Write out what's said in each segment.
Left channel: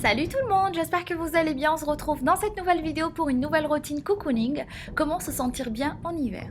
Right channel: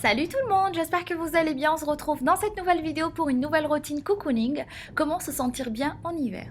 Salut tout le monde, j'espère que vous allez bien. On se retrouve dans cette nouvelle vidéo pour une nouvelle routine cocooning. Comment se sentir bien en hiver.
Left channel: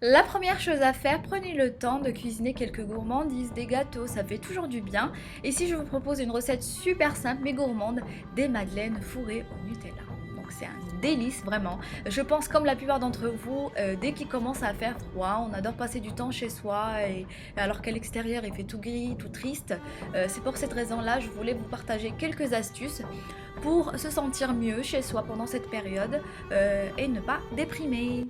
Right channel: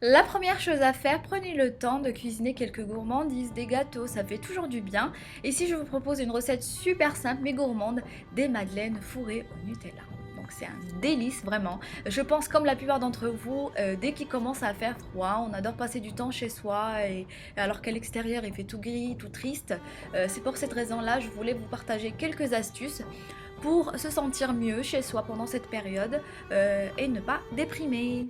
La première chose à faire, prenez le temps de cuisiner quelques gourmandises, des gâteaux, ça fait toujours du bien. Et si je vous propose une recette super simple mais gourmande, des madeleines fourrées au Nutella. Donc c'est un délice vraiment. Je pense comme la plupart d'entre vous, dès qu'il commence à faire froid, on adore passer du temps chez soi et alors qu'à l'extérieur il fait tout gris, tout triste. C'est pour cette raison-là, je voulais vous partager quelques astuces pour se sentir mieux chez soi pendant cette période et ne pas déprimer.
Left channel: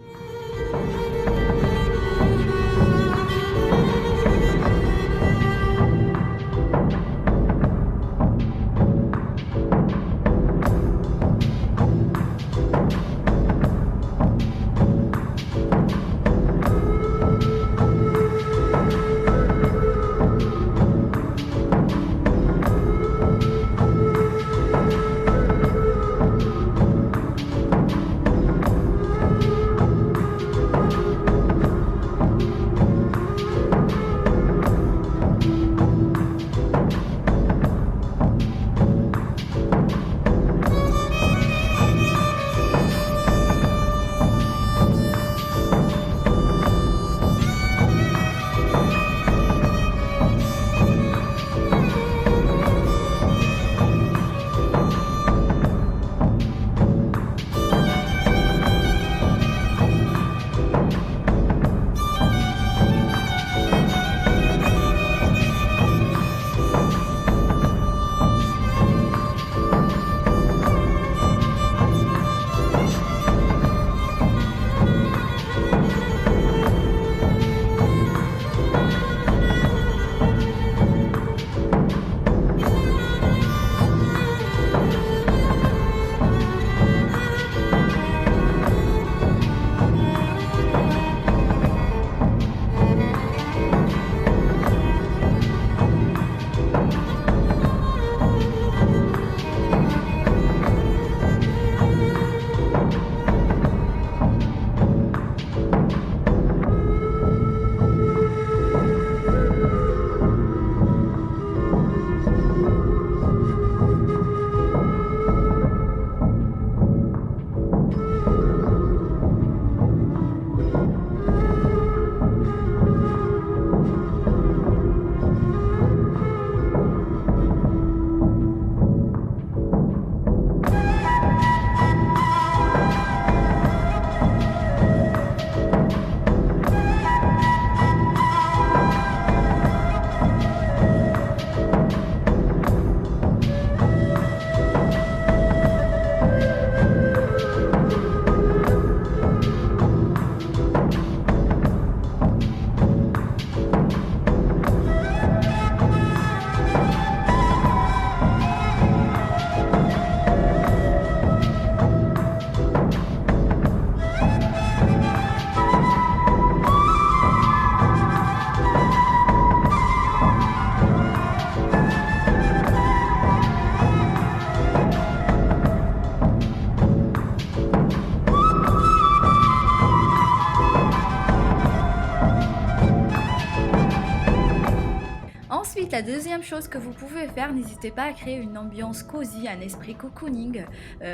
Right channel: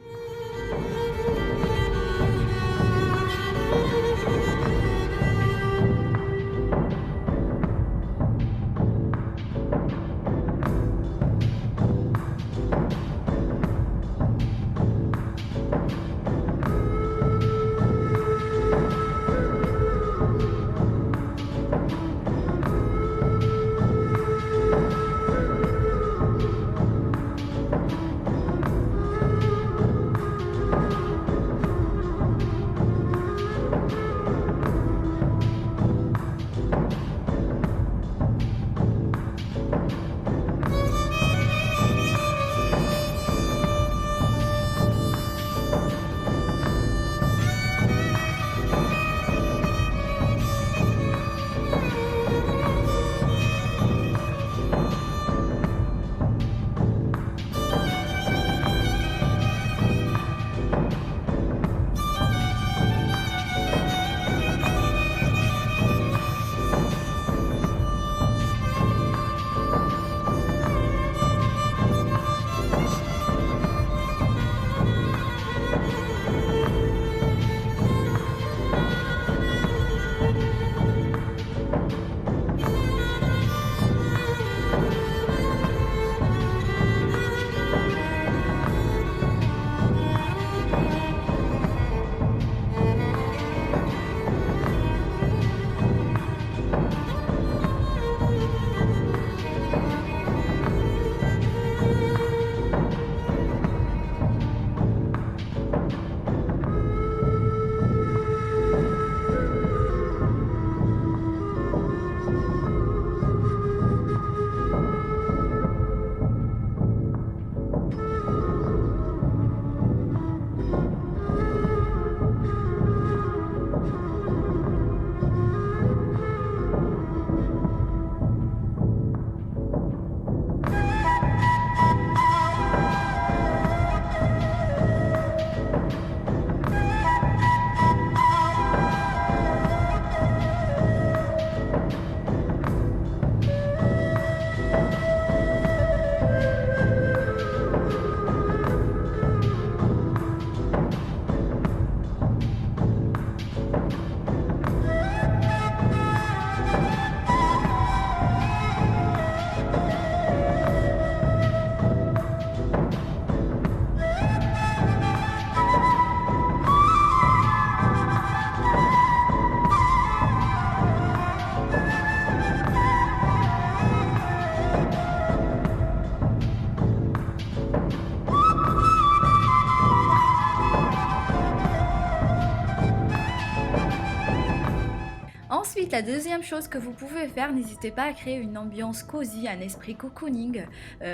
Ensuite, la deuxième chose que vous pouvez faire, n'hésitez pas à créer une ambiance cosy, un esprit cocooning,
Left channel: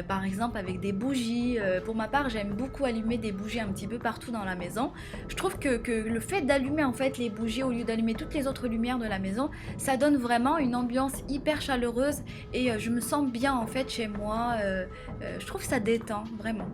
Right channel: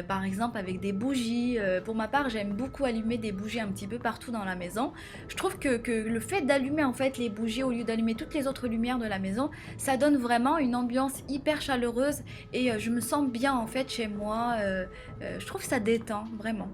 par exemple avec des bougies. Pour ma part, j'aime beaucoup allumer des bougies un petit peu partout dans la maison. Je trouve que le fait d'allumer en fait les bougies au lieu d'allumer toutes les autres lumières de la maison, ça donne vraiment une ambiance hyper chaleureuse et je me sens bien en fait chez moi. Je trouve que ça détend vraiment.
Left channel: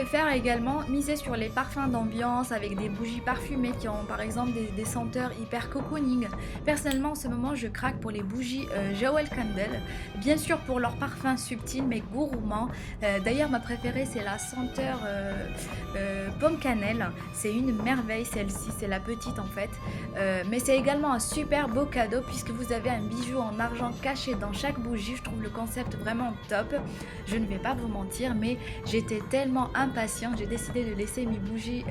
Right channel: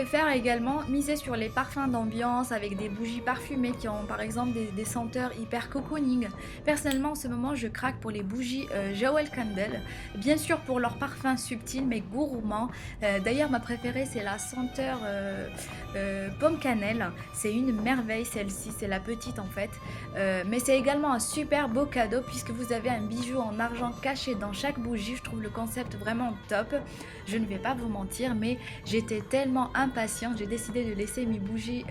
pouvez faire également, miser sur les parfums d'ambiance avec des bougies parfumées qui ont par exemple des senteurs hyper cocooning. Personnellement en ce moment je craque pour les bougies Jewel Candle, bien sûr pour leur parfum subtil mais gourmand. D'ailleurs ma préférée c'est la senteur pomme cannelle, c'est une merveille celle-ci, c'est la petite en fait. Mais c'est également un super beau cadeau puisque vous avez un bijou en argent caché dans chaque bougie. Je trouve le concept vraiment top. Je ne vais pas vous mentir mais j'étais tellement impatiente, j'ai décidé de laisser mes bougies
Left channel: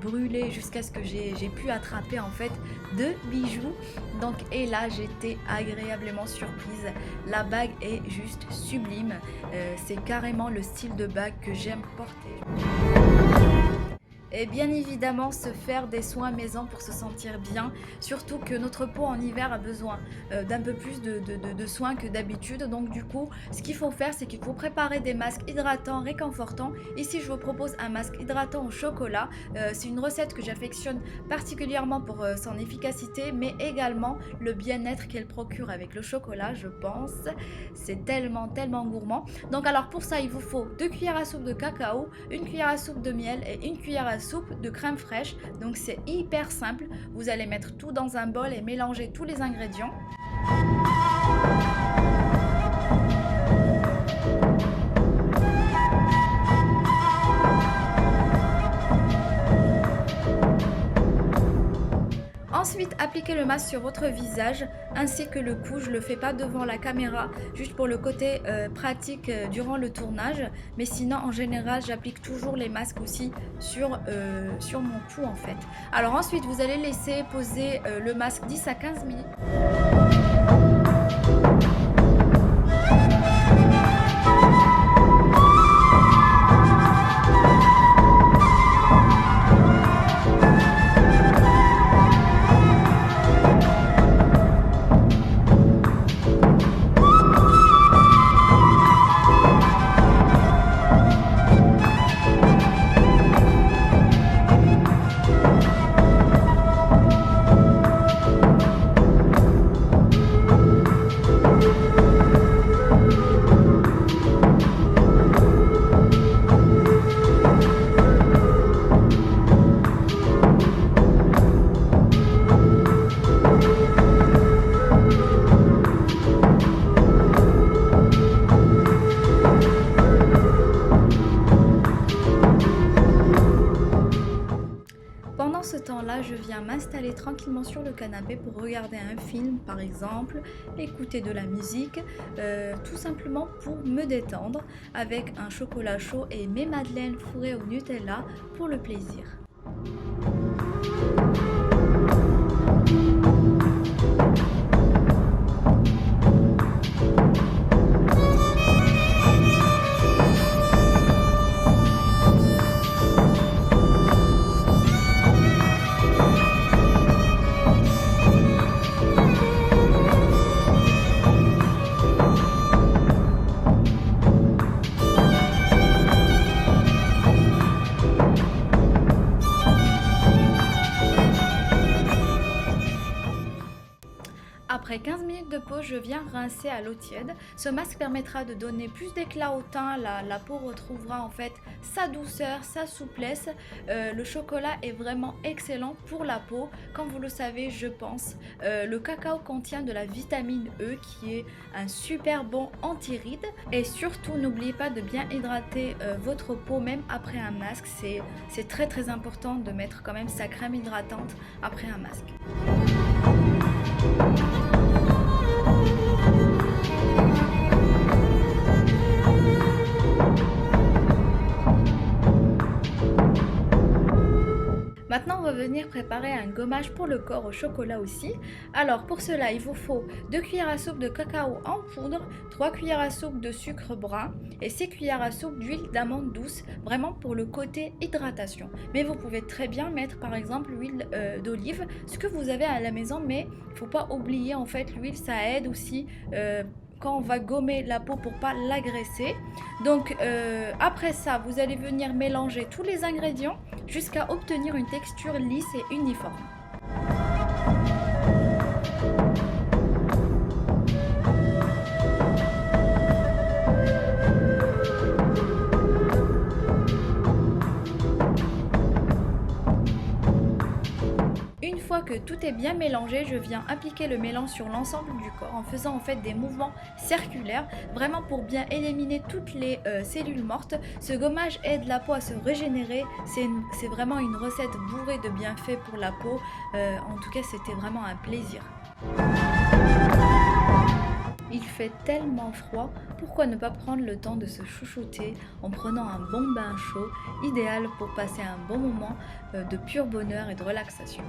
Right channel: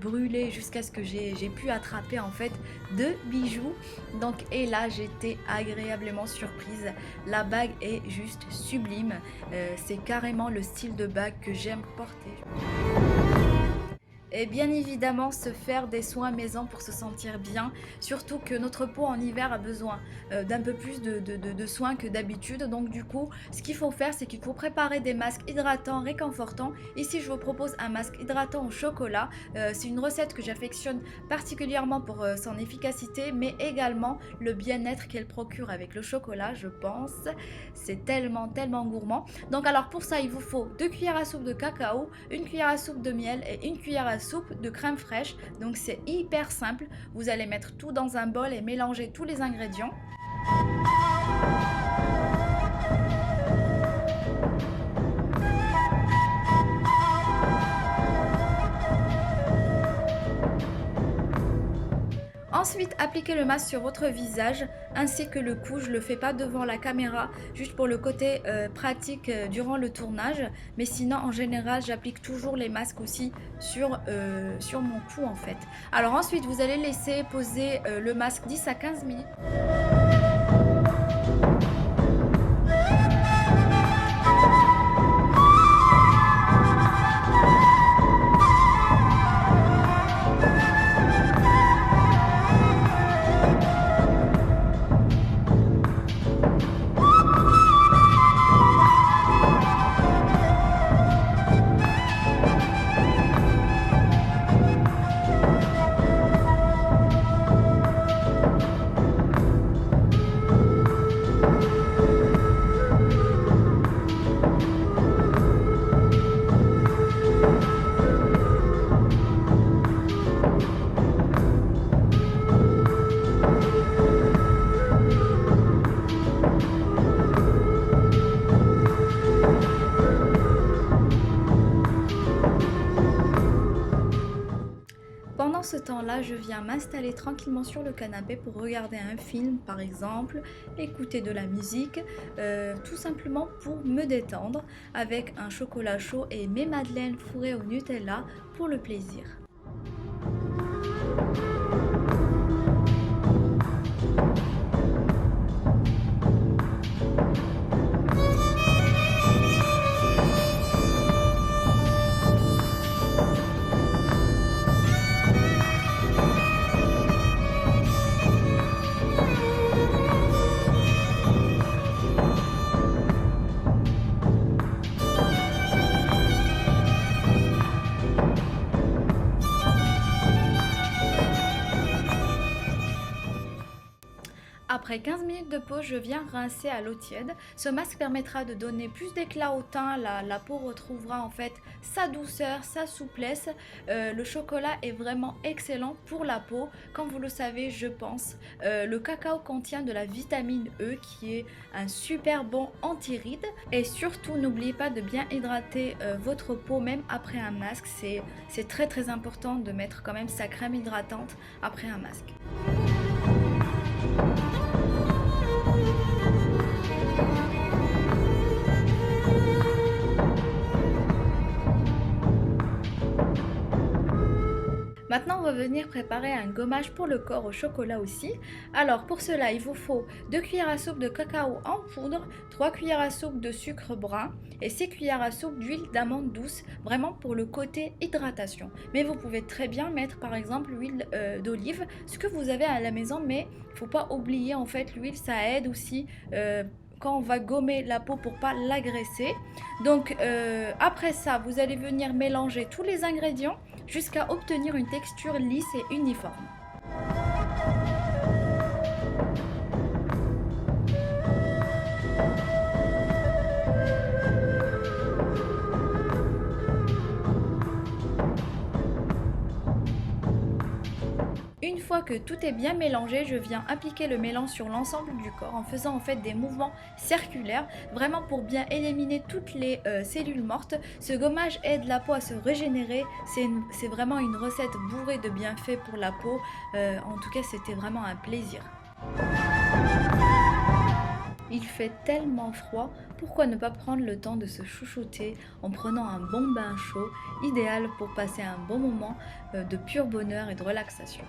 brûler jusqu'à ce que j'ai pu attraper en fait 2 bijoux. Donc et là j'étais agréablement surprise. La bague est juste sublime. C'est carrément le style de bague que j'aime porter. Et bien évidemment se faire des soins maison pour se sentir bien, surtout que notre peau en hiver a besoin d'un peu plus de soins que d'habitude. Donc du coup ce qu'il faut faire c'est qu'il faut préparer des masques hydratants réconfortants. Ici je vous propose un masque hydratant au chocolat, c'est une recette que j'affectionne particulièrement pour son efficacité mais également le bien-être qu'elle procure avec le chocolat, je pense. C'est tellement gourmand. Donc alors pour ça il vous faut 2 cuillères à soupe de cacao, 1 cuillère à soupe de miel et 1 cuillère à soupe de crème fraîche. Donc c'est hyper simple, vous allez mettre tout dans un bol et mélanger tous les ingrédients. Ensuite, appliquez le masque sur votre visage ainsi que le cou. Je le fais pas devant la caméra, juste pour le côté pratique durant le tournage. Mais sinon, en général, j'applique toujours les masques aussi sur mon cou en fait. Alors ensuite, vous allez laisser poser le masque 10 à 15 minutes. Pendant ce temps-là, je viens m'installer tranquillement sur le canapé pour regarder un film par exemple, écouter de la musique, tout simplement pour me détendre avec un chocolat chaud et mes madeleines fourrées au Nutella pour le plaisir. Après 15 minutes de pause, je viens rincer à l'eau tiède. Ce masque permettra de donner plus d'éclat au teint. La peau retrouvera en fait sa douceur, sa souplesse. Le chocolat est vraiment excellent pour la peau. Comme vous le savez, je pense, le cacao contient de la vitamine E qui est un super bon anti-rides. Et surtout, n'oubliez pas de bien hydrater votre peau même après un masque. C'est très important de mettre quand même sa crème hydratante après un masque. Maintenant, on va venir préparer un gommage pour le corps au chocolat aussi. Alors pour cela, il vous faut 2 cuillères à soupe de cacao en poudre, 3 cuillères à soupe de sucre brun et 6 cuillères à soupe d'huile d'amande douce, vraiment pour le côté hydratation. Mais vous pouvez très bien mettre par exemple l'huile d'olive, ce que vous avez à la maison, mais il ne faut pas oublier en fait l'huile, ça aide aussi quand on va gommer la peau pour pas l'agresser. Donc après ça, vous allez venir mélanger tous les ingrédients jusqu'à obtenir une texture lisse et uniforme. fois que tout est bien mélangé, je viens appliquer le mélange sur l'ensemble du corps en faisant en fait des mouvements circulaires, vraiment pour bien éliminer toutes les cellules mortes. Ce gommage aide la peau à se régénérer, c'est vraiment une recette bourrée de bienfaits pour la peau. En tout cas, c'était vraiment un plaisir. Il fait tellement froid, pourquoi ne pas prendre le temps de se chouchouter en prenant un bon bain chaud, idéal pour passer un bon moment de pur bonheur et de relaxation.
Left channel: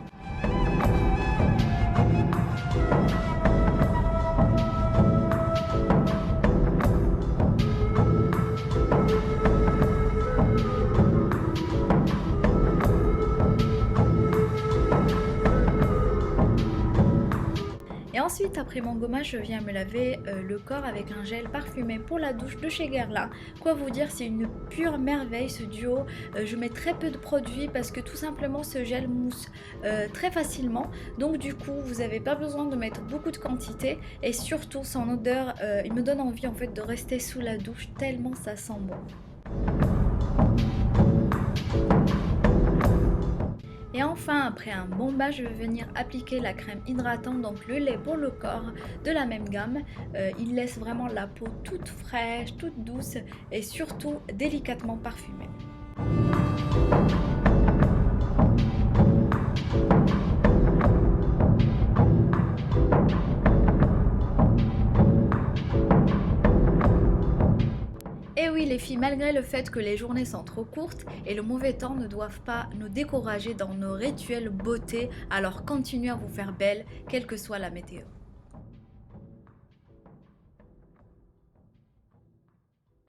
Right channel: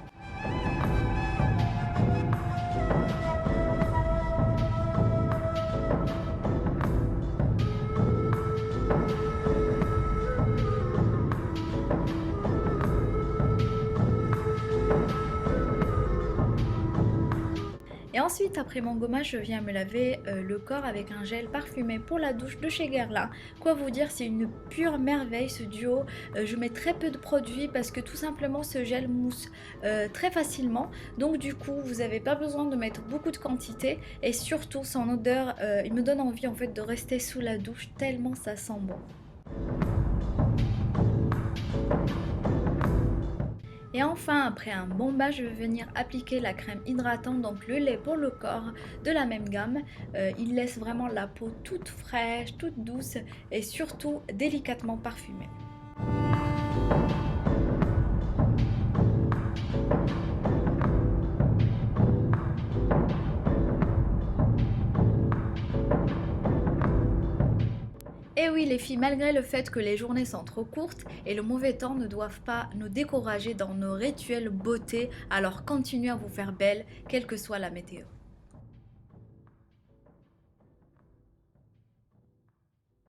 Et ensuite, après mon gommage, je viens me laver le corps avec un gel parfumé pour la douche de chez Guerlain. Quoi vous dire, c'est une pure merveille ce duo. Je mets très peu de produits parce que tout simplement ce gel mousse très facilement. Donc du coup, vous n'avez pas besoin de mettre beaucoup de quantité. Et surtout, son odeur, il me donne envie en fait de rester sous la douche tellement ça sent bon. Et enfin, après un bon bain, je vais venir appliquer la crème hydratante, donc le lait pour le corps de la même gamme. Il laisse vraiment la peau toute fraîche, toute douce et surtout délicatement parfumée. Et oui les filles, malgré le fait que les journées sont trop courtes et le mauvais temps ne doivent pas nous décourager dans nos rituels beauté, alors continuez à vous faire belle, quelle que soit la météo.